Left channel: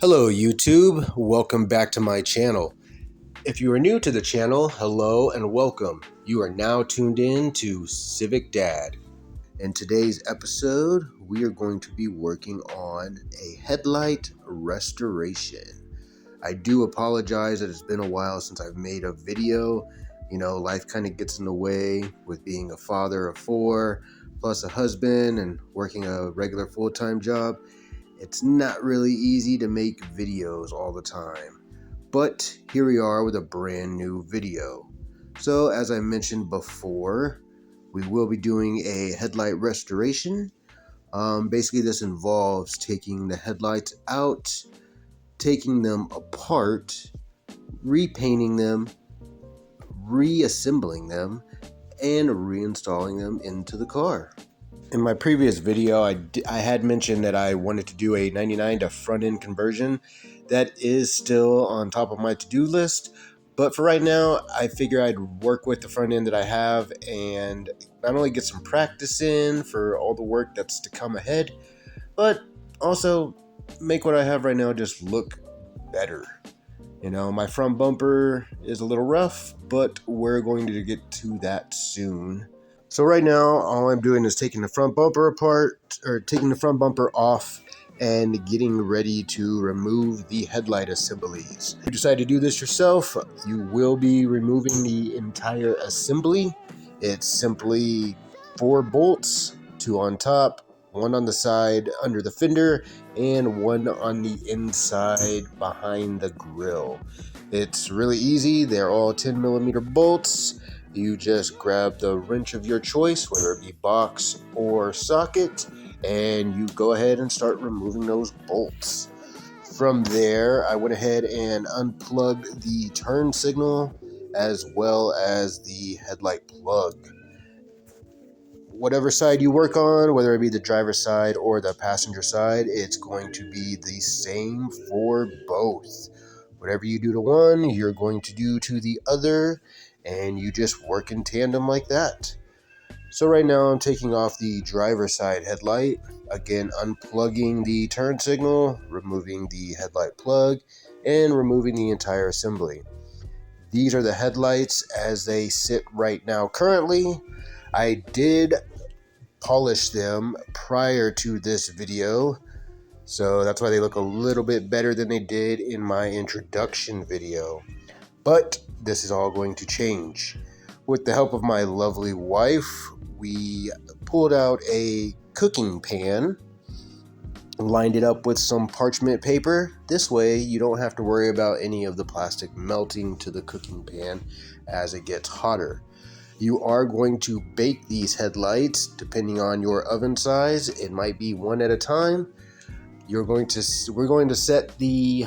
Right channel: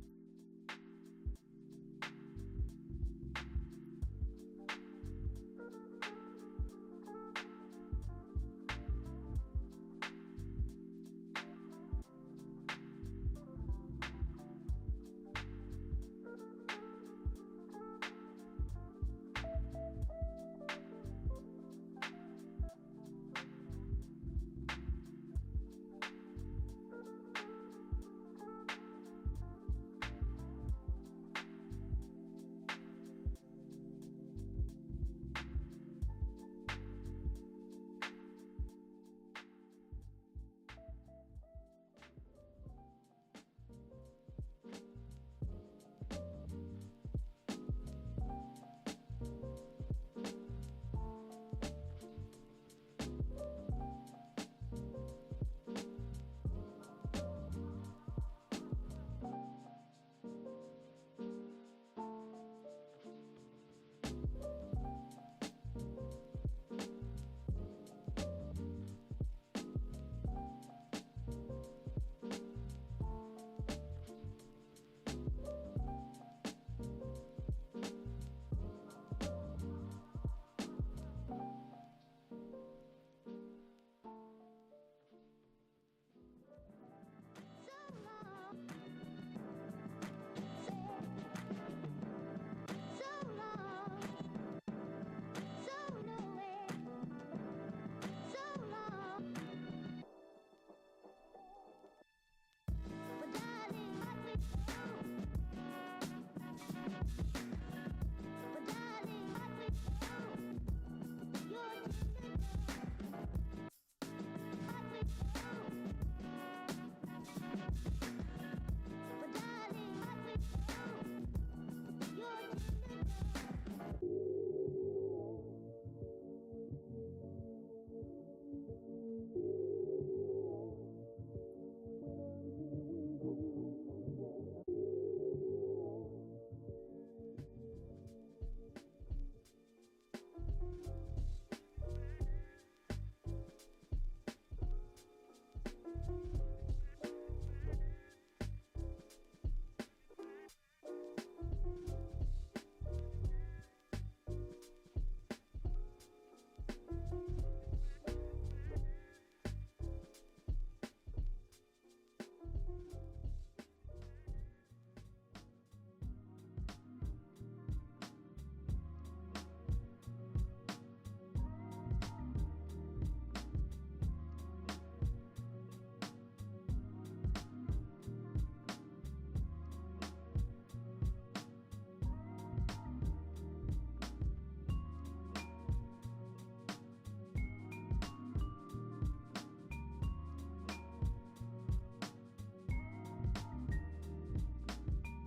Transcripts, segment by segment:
Hello YouTube, welcome back to my channel. If you are new to the channel, hello and welcome. You are now tuned in to Civic Dad. In today's episode, we are going to be working on a headlight restoration. I do apologize that it's been a while since I've made a video. You know, life kind of gets in the way with being a father of 4, plus a husband and working a regular full-time job. It's not really easy to make videos all the time, but here we are with a brand new video. So as I mentioned before, we will be doing a headlight restoration. Basically this involves taking the headlights out, taking them apart, repainting them, reassembling them, and reinstalling them into the car. In my previous video, I had mentioned that I wanted to do a 99 to front end conversion. That is still on top of my to-do list, but for right now, I figure I'd work with the front end that I have and not only get some practice in for all the work that's to come ahead, but also make what I have right now just look better. You know, my front bumper is a little rough, but we're going to get to that soon. So right now, all I'm doing is taking the front bumper apart, or taking the front bumper off and getting ready to remove the headlight assemblies. If you decide to do this yourself, you will be removing the entire assembly. It's simply 4 bolts, 2 on top, 1 on the side under the fender, and 1 on the inside behind the grille. It's really easy. They're all 10mm bolts. You just grab the wrench of your choice, whether it be box or socket, and you go ahead and start removing those bolts. From there, I went ahead and unplugged the turn signal as well as the headlight plug. Whatever side you work on, whether it be the driver's side or the passenger side, it's going to be the same for both. Whatever you do to one, you're going to do to the other, and you just work in tandem like that. So right now I'm taking off the driver's side headlight, again unplugging the turn signal, removing the headlight plug, and removing the entire assembly. These are the headlights as they sit right now currently. I did polish them prior to this video, so that's why they look a little bit better than they did in my introduction video. But this is all going to change. With the help of my lovely wife, we pulled out a cooking pan, lined it up with some parchment paper. This way you don't have to worry about any of the plastic melting to the cooking pan as it gets hotter. You are going to bake these headlights depending on your oven size. It might be 1 at a time. We're going to set the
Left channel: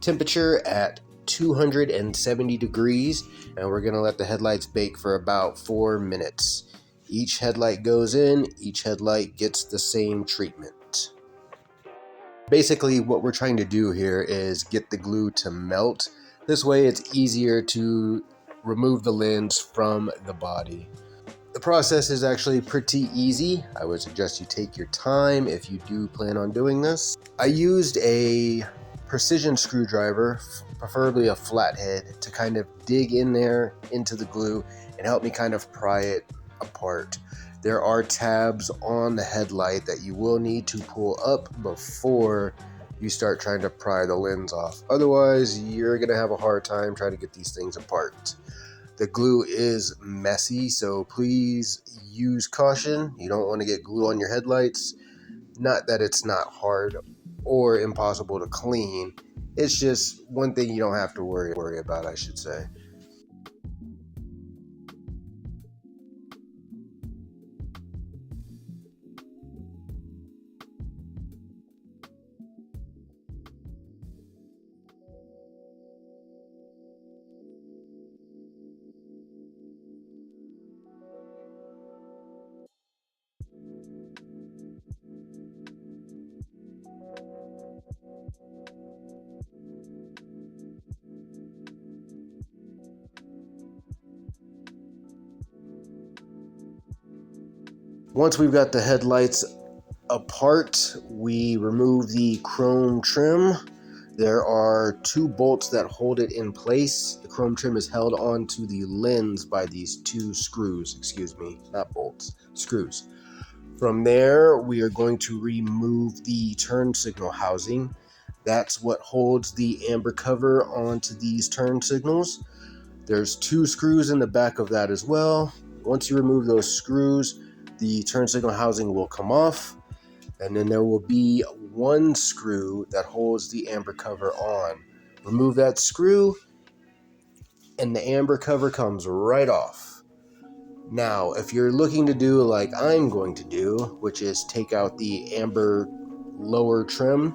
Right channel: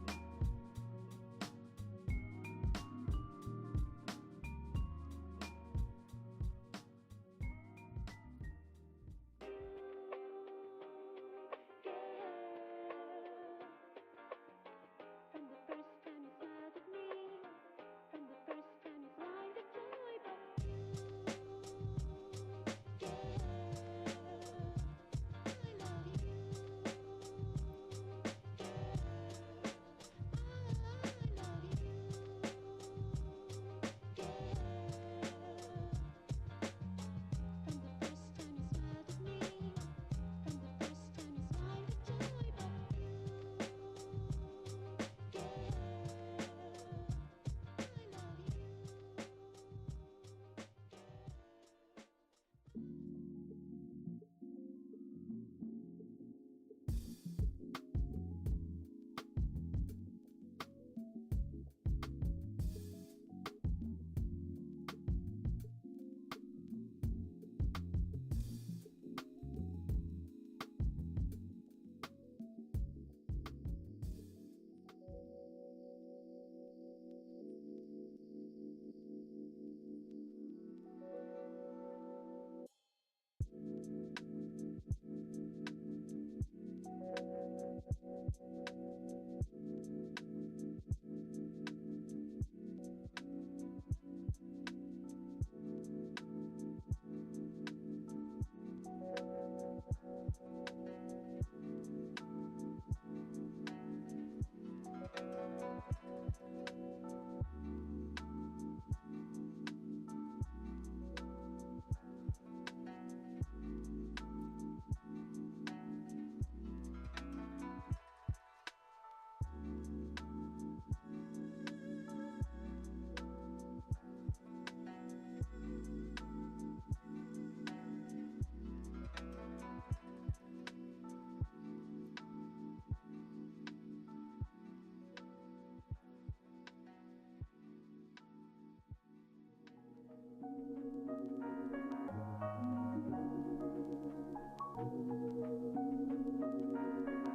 temperature at 270 degrees, and we're going to let the headlights bake for about 4 minutes. Each headlight goes in, each headlight gets the same treatment. Basically, what we're trying to do here is get the glue to melt. This way it's easier to remove the lens from the body. The process is actually pretty easy. I would suggest you take your time if you do plan on doing this. I used a precision screwdriver, preferably a flathead, to kind of dig in there into the glue and help me kind of pry it apart. There are tabs on the headlight that you will need to pull up before you start trying to pry the lens off. Otherwise, you're going to have a hard time trying to get these things apart. The glue is messy, so please use caution. You don't want to get glue on your headlights. Not that it's not hard or impossible to clean. It's just one thing you don't have to worry about, I should say. Once we've got the headlights apart, we remove the chrome trim. There are two bolts that hold it in place. The chrome trim is held onto the lens by these two screws, not bolts, screws. From there, we are going to remove the turn signal housing. That's what holds the amber cover onto these turn signals. There's two screws in the back of that as well. Once you remove those screws, the turn signal housing will come off, and then there will be one screw that holds the amber cover on. Remove that screw, and the amber cover comes right off. Now, if you're looking to do like I'm going to do, which is take out the amber lower trim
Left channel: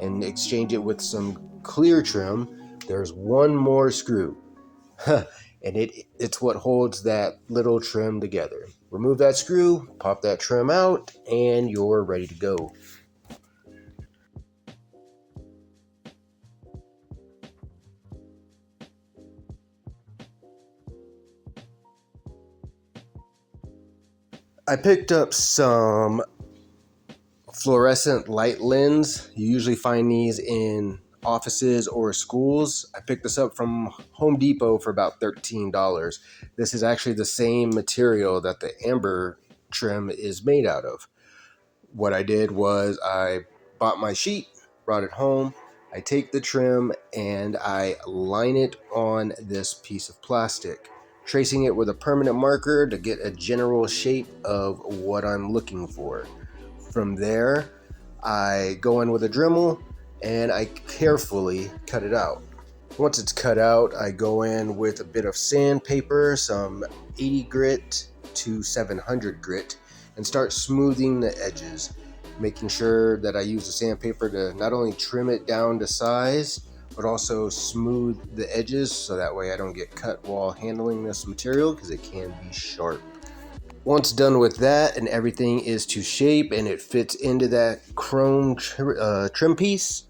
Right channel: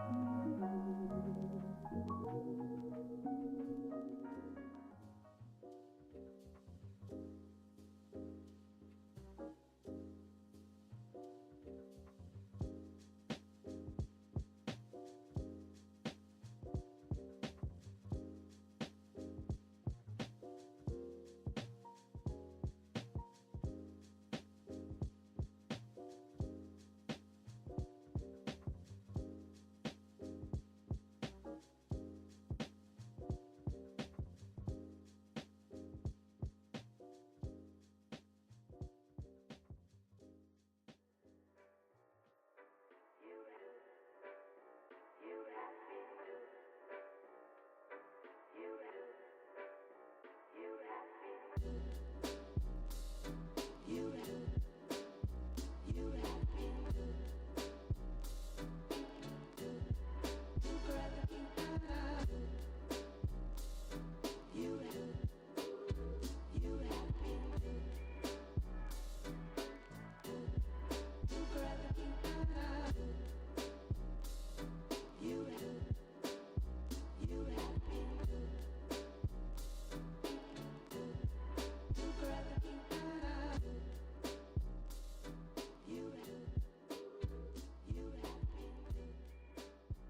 and exchange it with some clear trim, there's one more screw. And it's what holds that little trim together. Remove that screw, pop that trim out, and you're ready to go. I picked up some fluorescent light lens. You usually find these in offices or schools. I picked this up from Home Depot for about $13. This is actually the same material that the amber trim is made out of. What I did was I bought my sheet, brought it home. I take the trim and I line it on this piece of plastic, tracing it with a permanent marker to get a general shape of what I'm looking for. From there, I go in with a Dremel and I carefully cut it out. Once it's cut out, I go in with a bit of sandpaper, some 80 grit to 700 grit, and start smoothing the edges, making sure that I use the sandpaper to not only trim it down to size, but also smooth the edges so that way I don't get cut while handling this material because it can be sharp. Once done with that and everything is to shape and it fits into that chrome trim piece,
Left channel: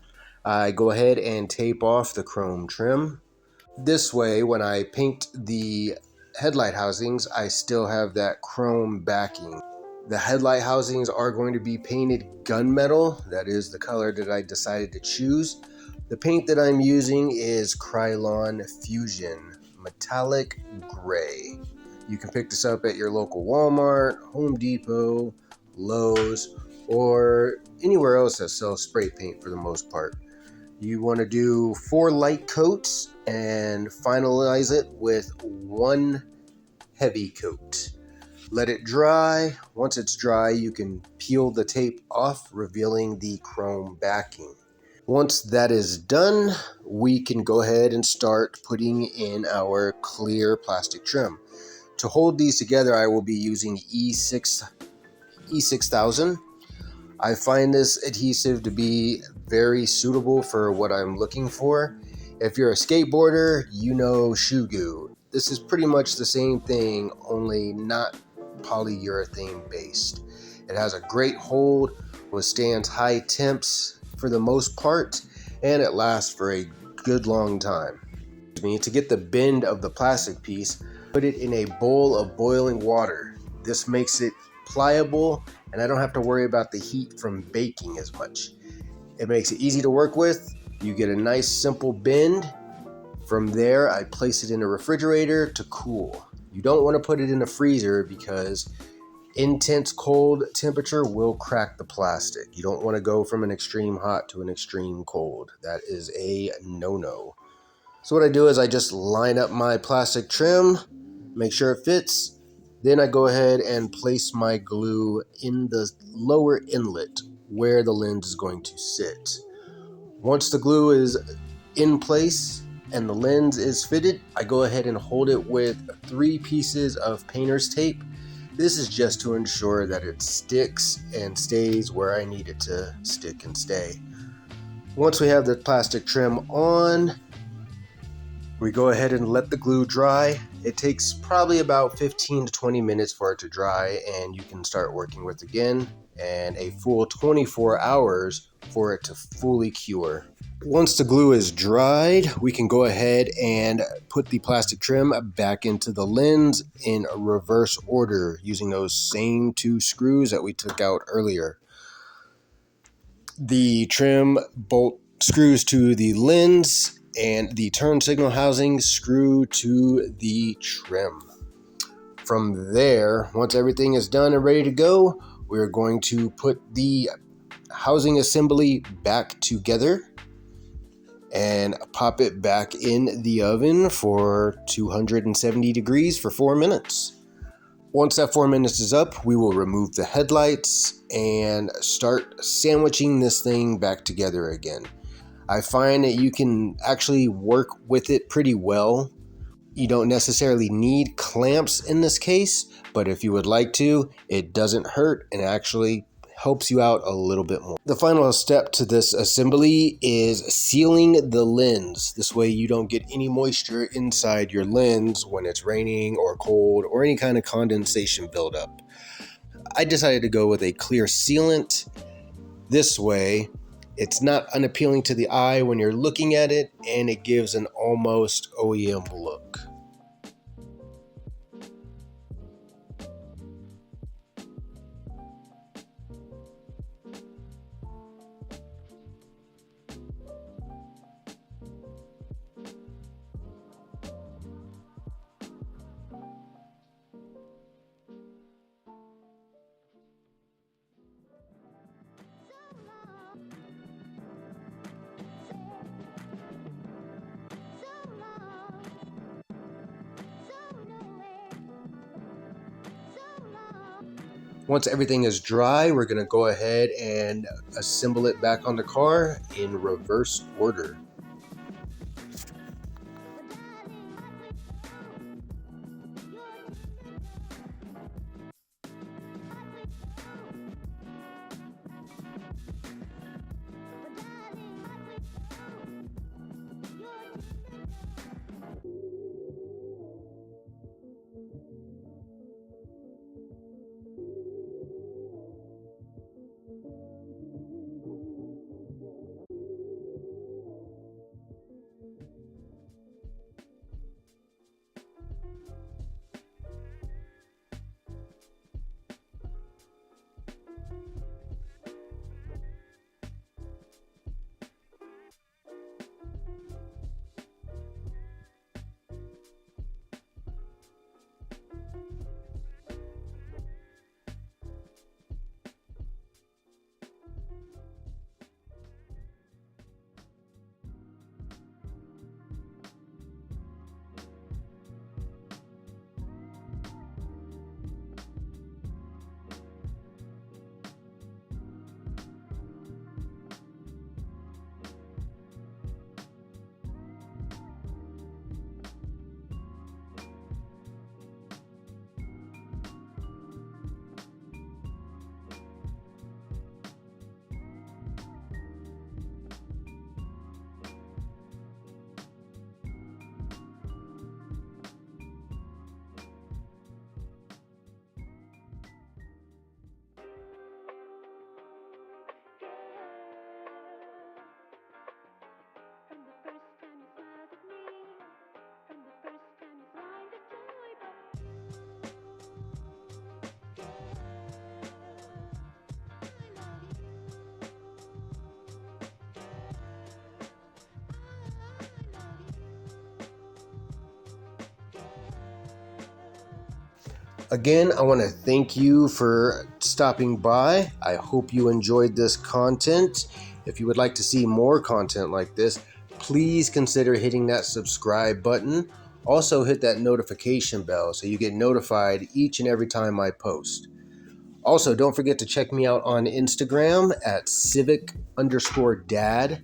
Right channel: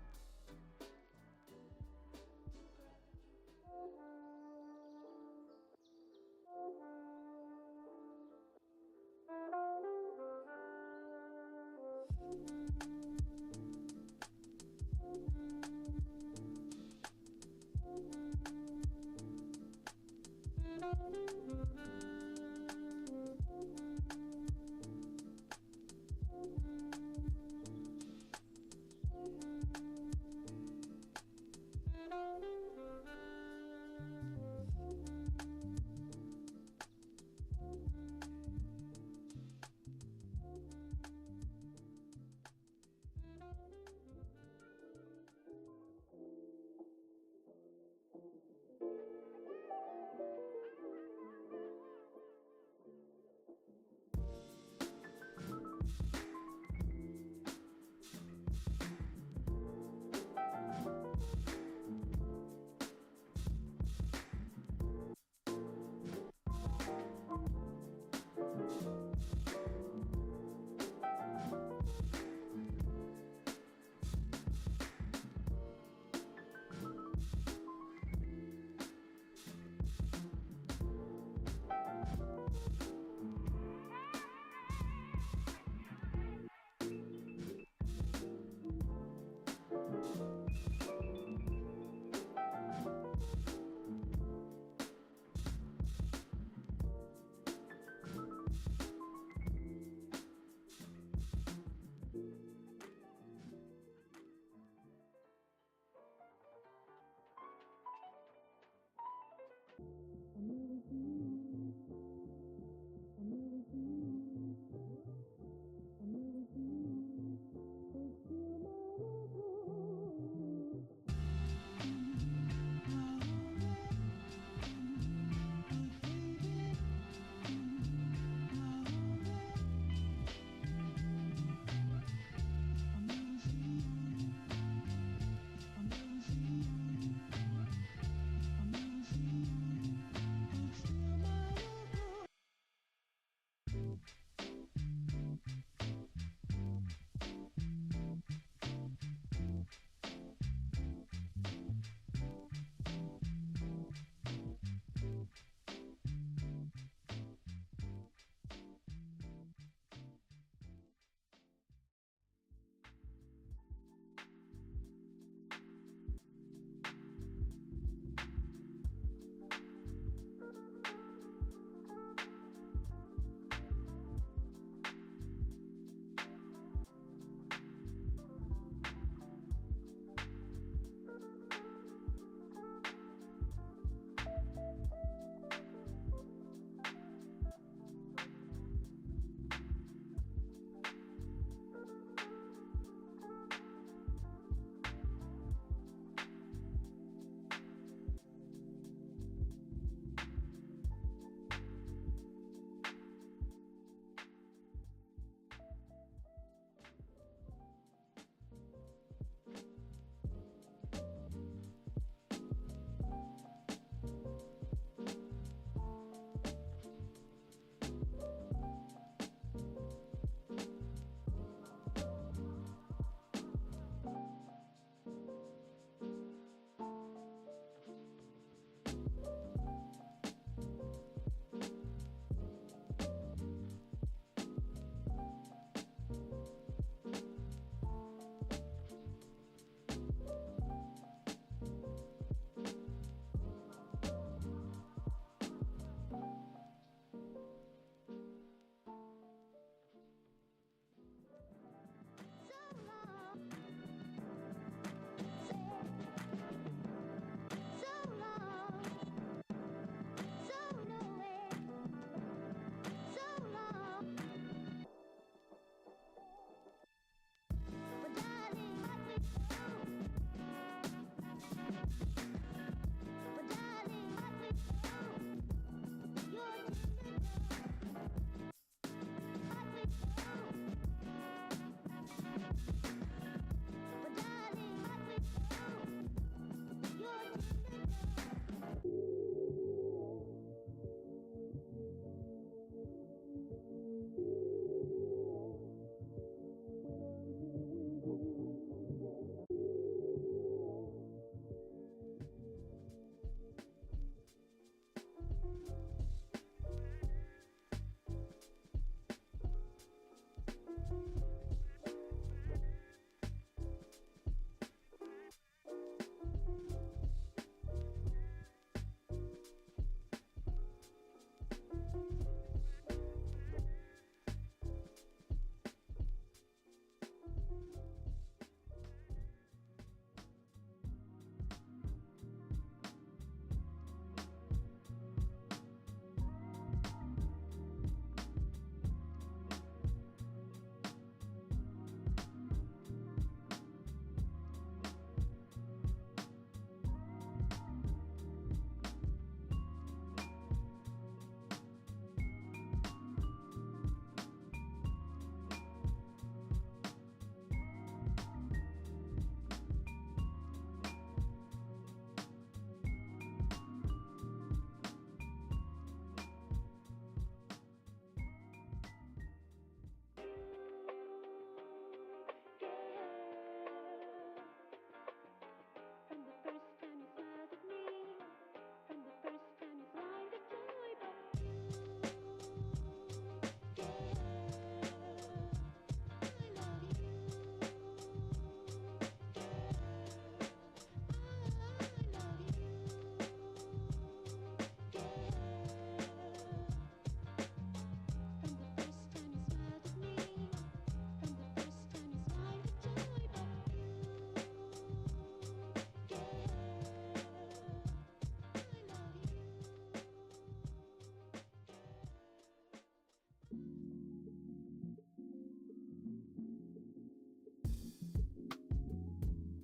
I go ahead and tape off the chrome trim. This way, when I paint the headlight housings, I still have that chrome backing. The headlight housings are going to be painted gunmetal. That is the color that I decided to choose. The paint that I'm using is Krylon Fusion Metallic Gray. You can pick this up at your local Walmart, Home Depot, Lowe's, or anywhere else that sells spray paint for the most part. You want to do 4 light coats and finalize it with 1 heavy coat. Let it dry. Once it's dry, you can peel the tape off, revealing the chrome backing. Once that is done, we can go ahead and start putting in our clear plastic trim. To hold these together, I will be using E6000. I find this adhesive to be very suitable for what I'm looking for. If you're a skateboarder, you know shoe goo. This is pretty much the same thing, only not polyurethane based. It has a great hold, withstands high temps for the most part, and it lasts for a good long time. To get the bend of the plastic piece, put it in a bowl of boiling water. This makes it pliable, and I don't have to worry about the heat from baking as much. It makes it easy to work with. You get a nice simple bend. From there, I place it in a refrigerator to cool. You don't want to put it in a freezer because intense cold temperature will crack the plastic. You don't want to go from an extreme hot to an extreme cold. That is a no-no. So what I do is I just line up my plastic trim, make sure it fits. Then I go ahead and place my glue in the lower inlet where the lens is going to sit. Once the glue is in place and the lens is fitted, I go ahead and hold it with 3 pieces of painter's tape. This is just to ensure that it sticks and stays where I need it to stick and stay. Once we have the plastic trim on, we go ahead and let the glue dry. It takes probably about 15 to 20 minutes for it to dry, and you can start working with it again, and a full 24 hours for it to fully cure. Once the glue is dried, we can go ahead and put the plastic trim back into the lens in reverse order using those same 2 screws that we took out earlier. The trim bolt screws to the lens, and the turn signal housing screw to the trim. From there, once everything is done and ready to go, we're going to put the housing assembly back together and pop it back in the oven for 270 degrees for 4 minutes. Once that 4 minutes is up, we will remove the headlights and start sandwiching this thing back together again. I find that you can actually work with it pretty well. You don't necessarily need clamps in this case, but if you would like to, it doesn't hurt and actually helps you out a little bit more. The final step to this assembly is sealing the lens. This way you don't get any moisture inside your lens when it's raining or cold or any kind of condensation buildup. I decided to go with a clear sealant. This way it's not unappealing to the eye when you're looking at it, and it gives an almost OEM look. Once everything is dry, we're going to go ahead and assemble it back on the car in reverse order. Again, I want to thank you for stopping by. I hope you enjoyed this content. If you would like to see more content like this, please consider hitting that subscribe button. Also hit that notification bell so you get notified each and every time I post. Also, don't forget to check me out on Instagram at Civic_Dad.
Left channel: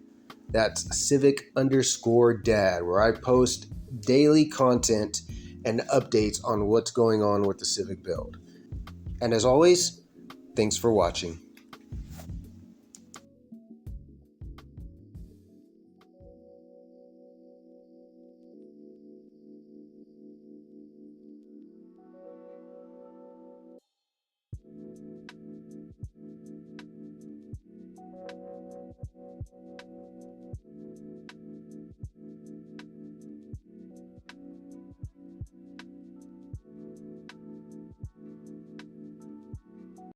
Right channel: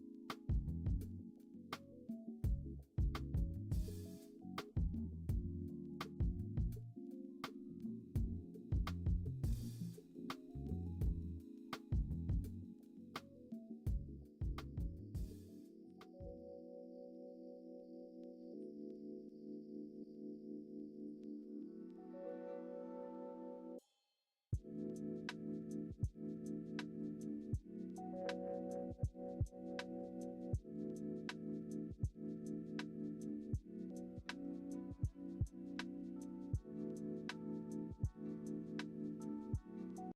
That's Civic_Dad, where I post daily content and updates on what's going on with the Civic build. And as always, thanks for watching.